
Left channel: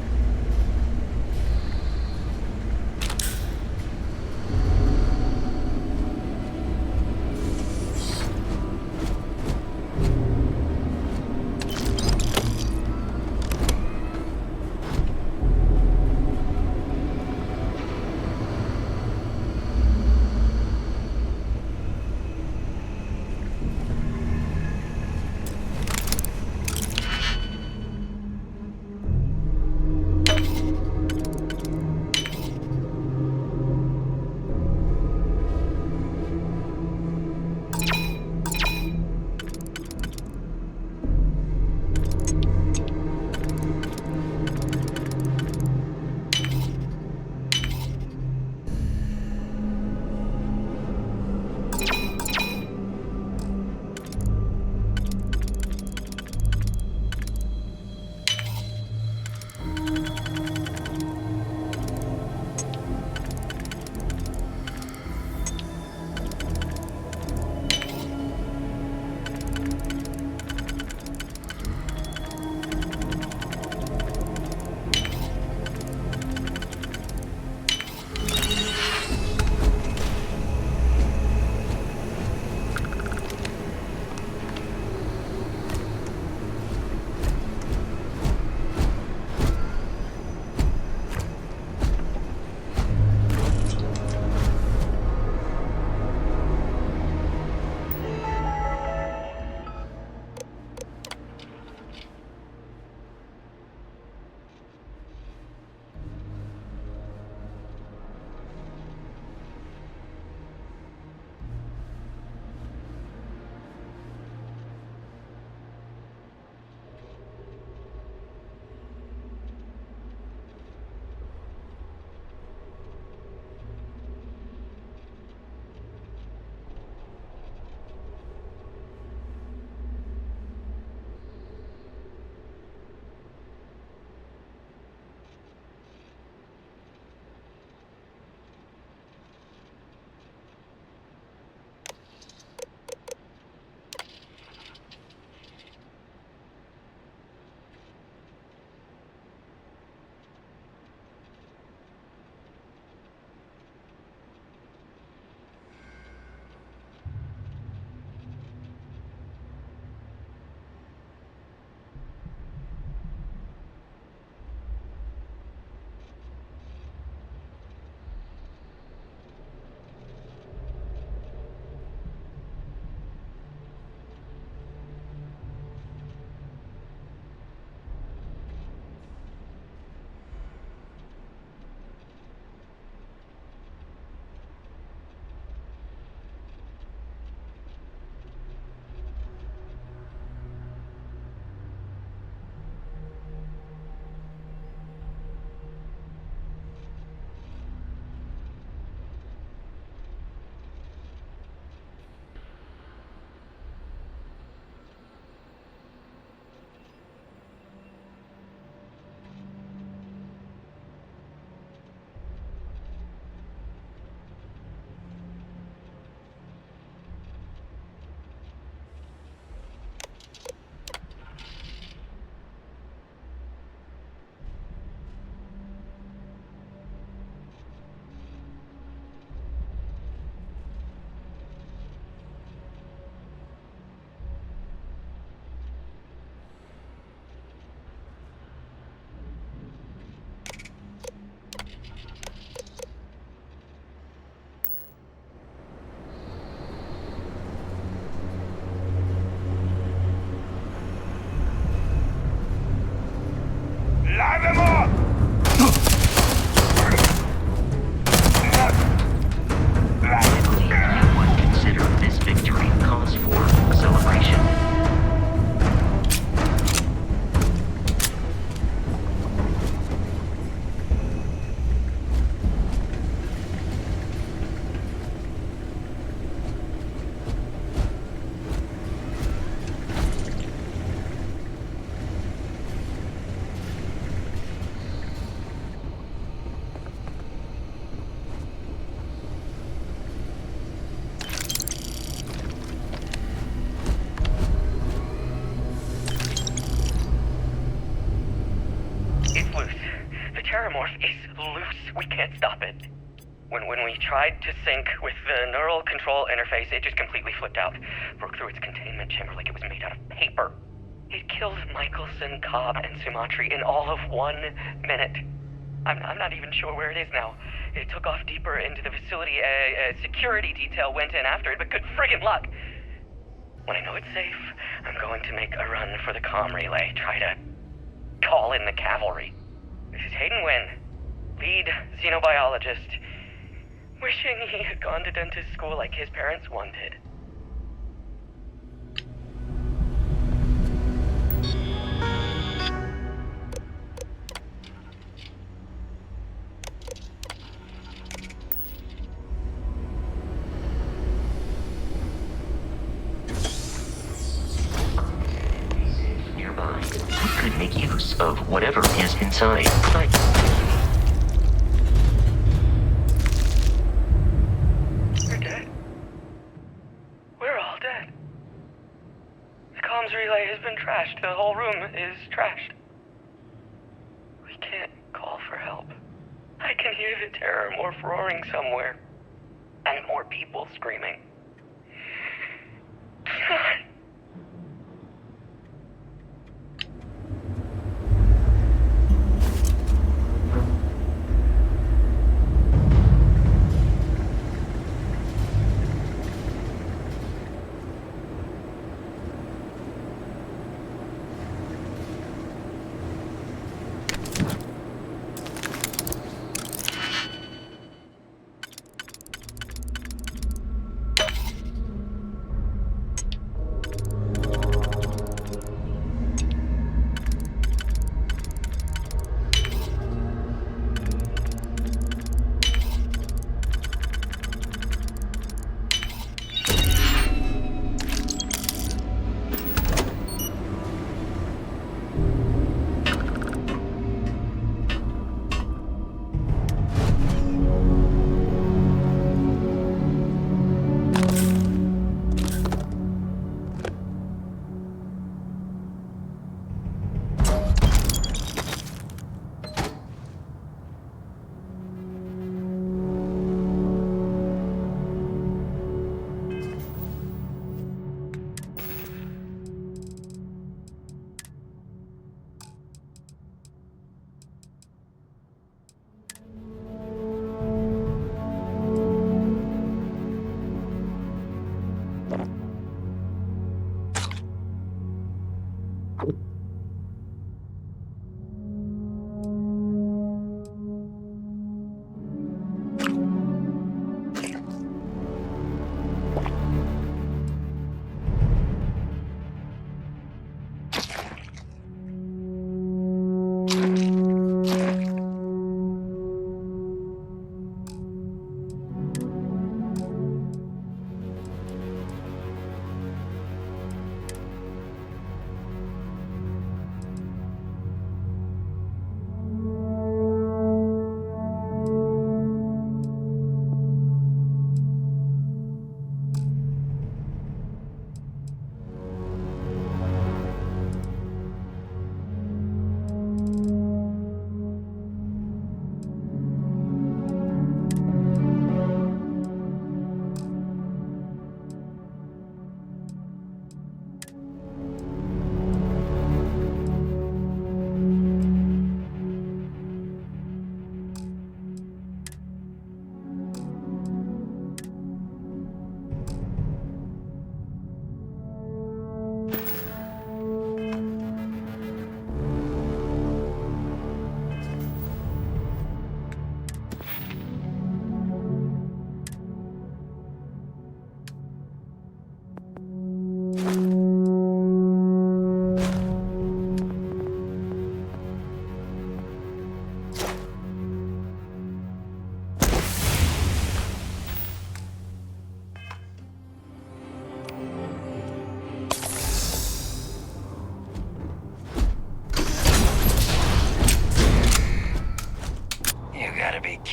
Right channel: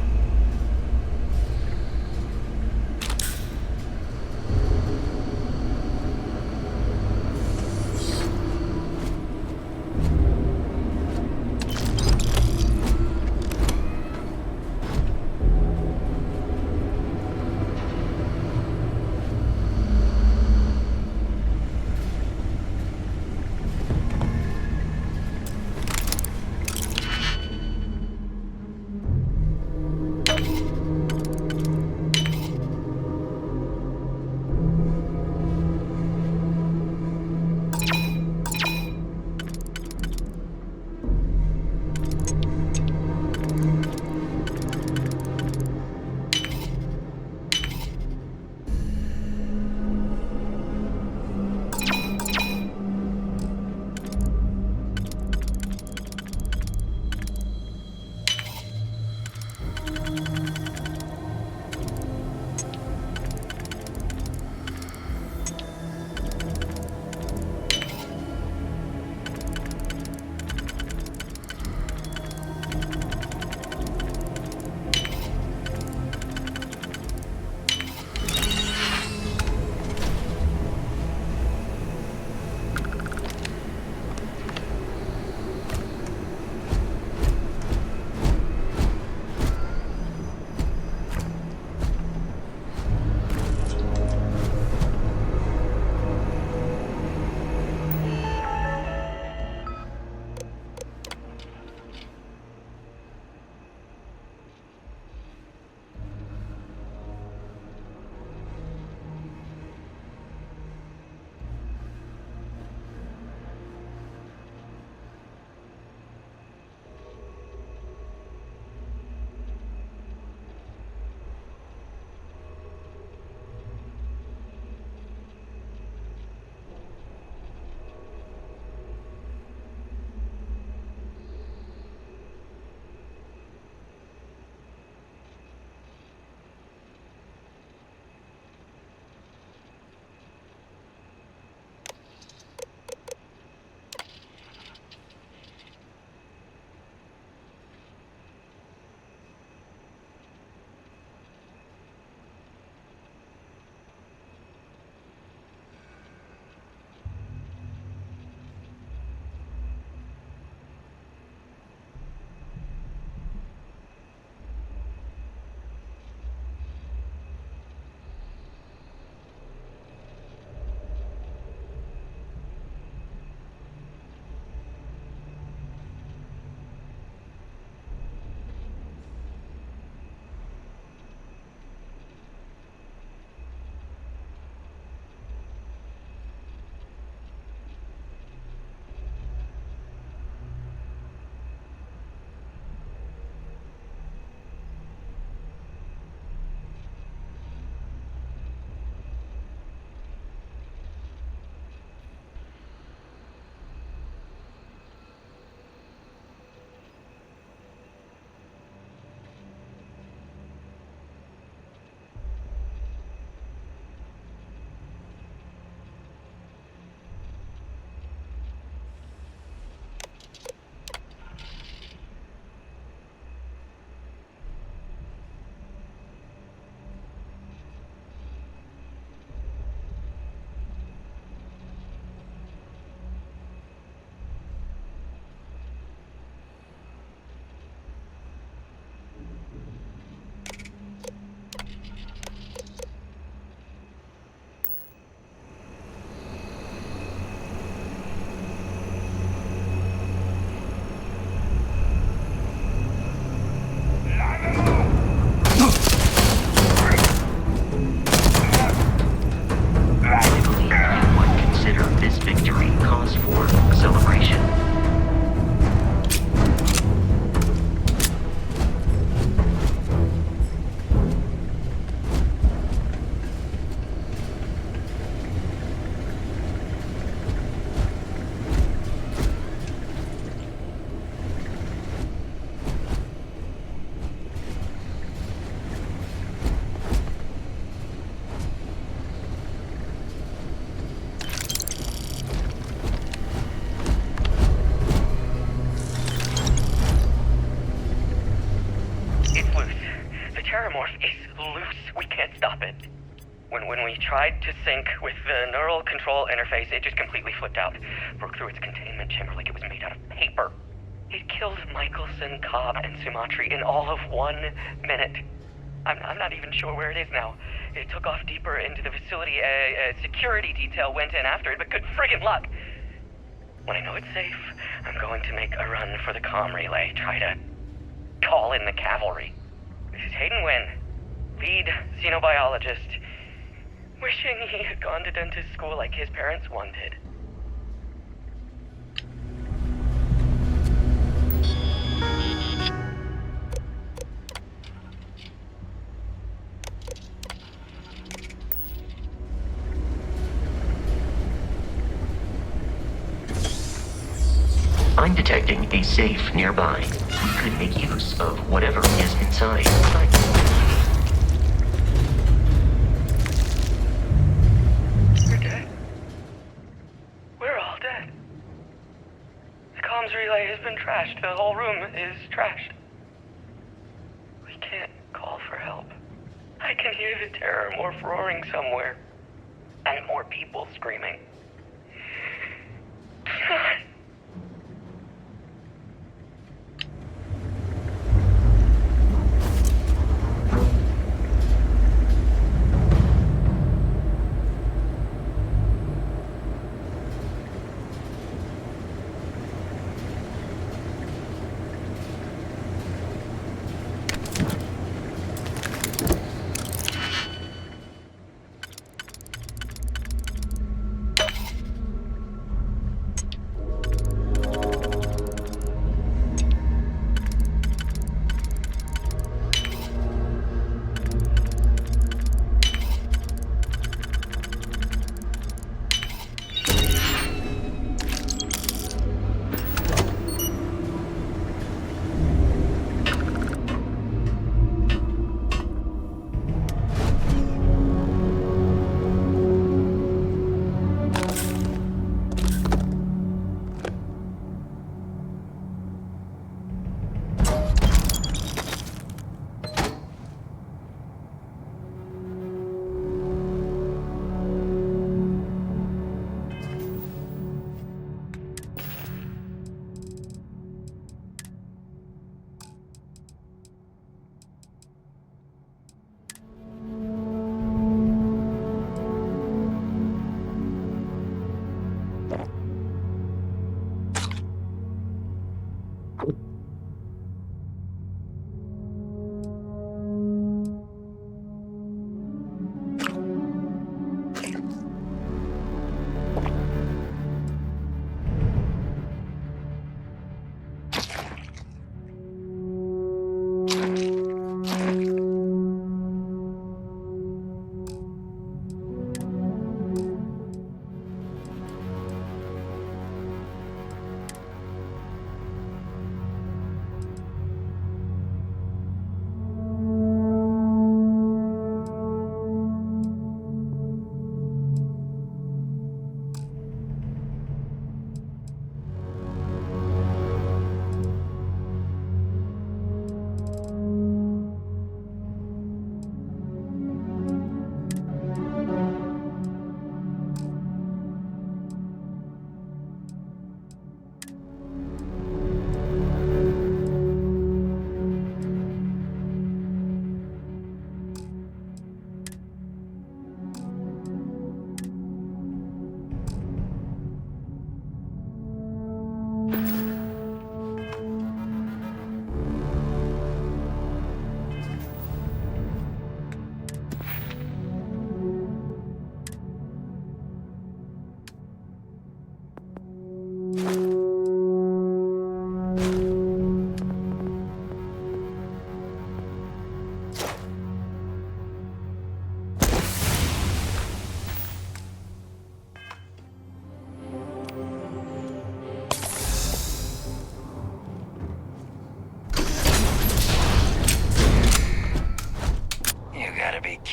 tried to sync with the neural control interface. It just completely flipped out. Broke through its containment chamber like it was made out of paper. It killed Michelson, Cobb, and Sumatri in all of 1 minute. I'm not even sure where it is now. It took off deeper into the facility. A security detail went in after it, but good friggin' luck. When I know it's safe, I'm going to make a run for the comm relay. Try to call in the cavalry. This is Hayden Wynn, lead xenobiologist. Wishing he had gone to dentist school like his parents wanted. I'm detecting a safe nearby. We could make use of whatever is inside. We're dead. We're all dead. The comms relay has been trashed. The whole room is trashed. We can't call for help. I can hear the terror morph roaring somewhere. And more people screaming. God.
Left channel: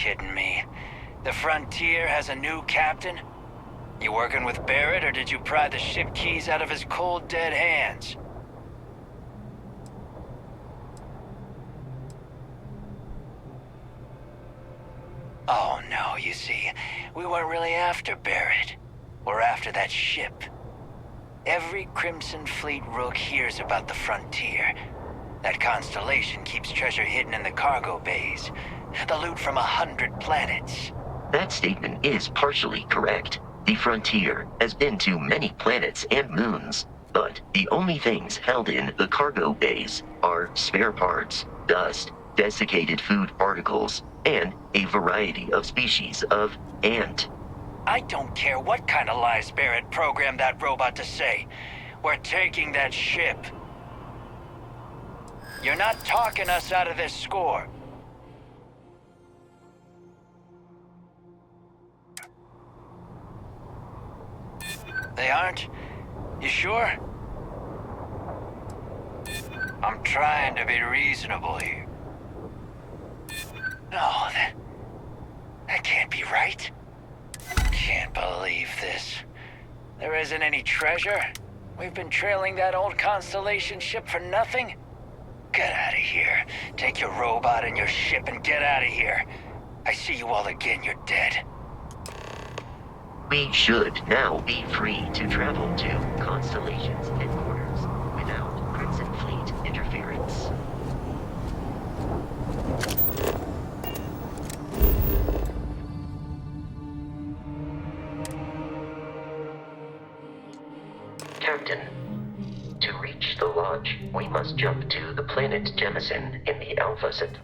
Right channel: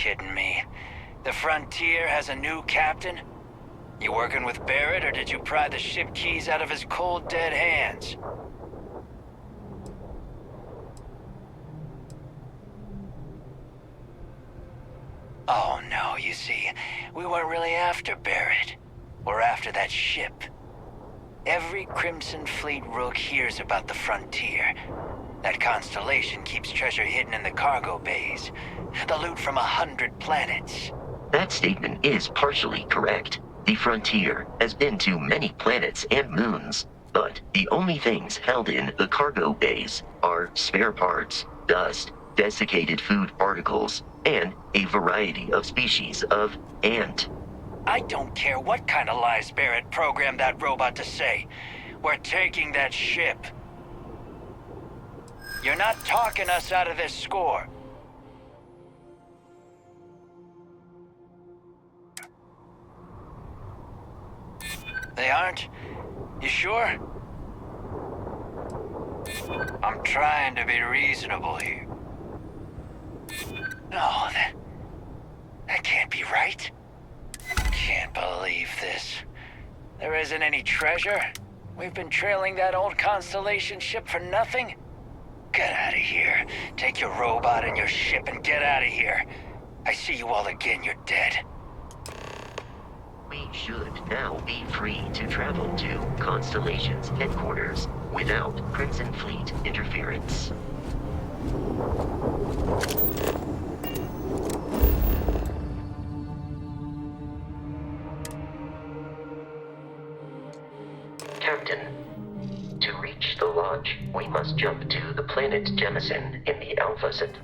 kidding me? The Frontier has a new captain? You working with Barrett, or did you pry the ship keys out of his cold, dead hands? Oh no, you see, we weren't really after Barrett. We're after that ship. Every Crimson Fleet rook hears about the Frontier. That constellation keeps treasure hidden in the cargo bays. The loot from 100 planets. That statement is partially correct. The Frontier has been to many planets and moons, but the only things held in the cargo bays are spare parts, dust, desiccated food particles, and a variety of species of ant. I don't care what kind of lies Barrett programmed that robot to say. We're taking that ship. You're not talking us out of this score. They aren't? You sure? I'm trying to be reasonable here. No, that can't be right. Can't believe this. There isn't any treasure? We've been trailing that old Constellation ship for nothing? Get out of here. Take your robot and your ship and get out of here. I see you all again, you're dead. We should now be free to travel to Constellation's headquarters without Crimson Fleet interference. Captain, to reach the lodge, we must jump to the planet Jemison in the Alpha Centauri.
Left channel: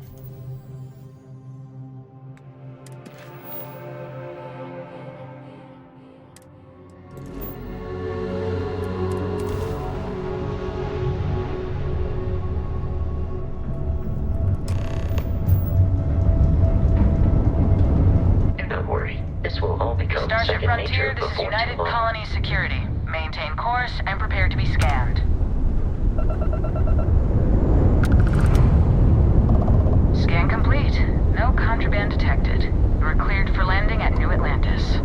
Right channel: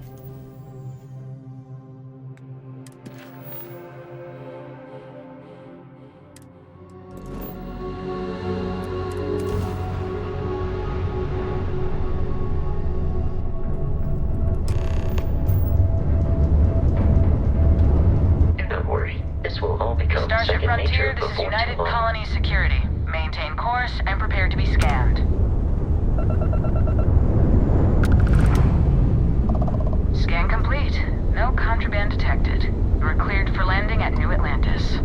Do not worry, this will all become Starship second Frontier, nature this is before United too long. Colony Security. Maintain course and prepare to be scanned. Scan complete. No contraband detected. We're cleared for landing at New Atlantis.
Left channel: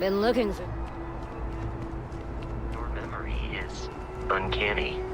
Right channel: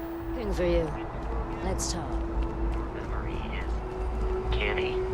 Been looking for you. Let's talk. Your memory is uncanny.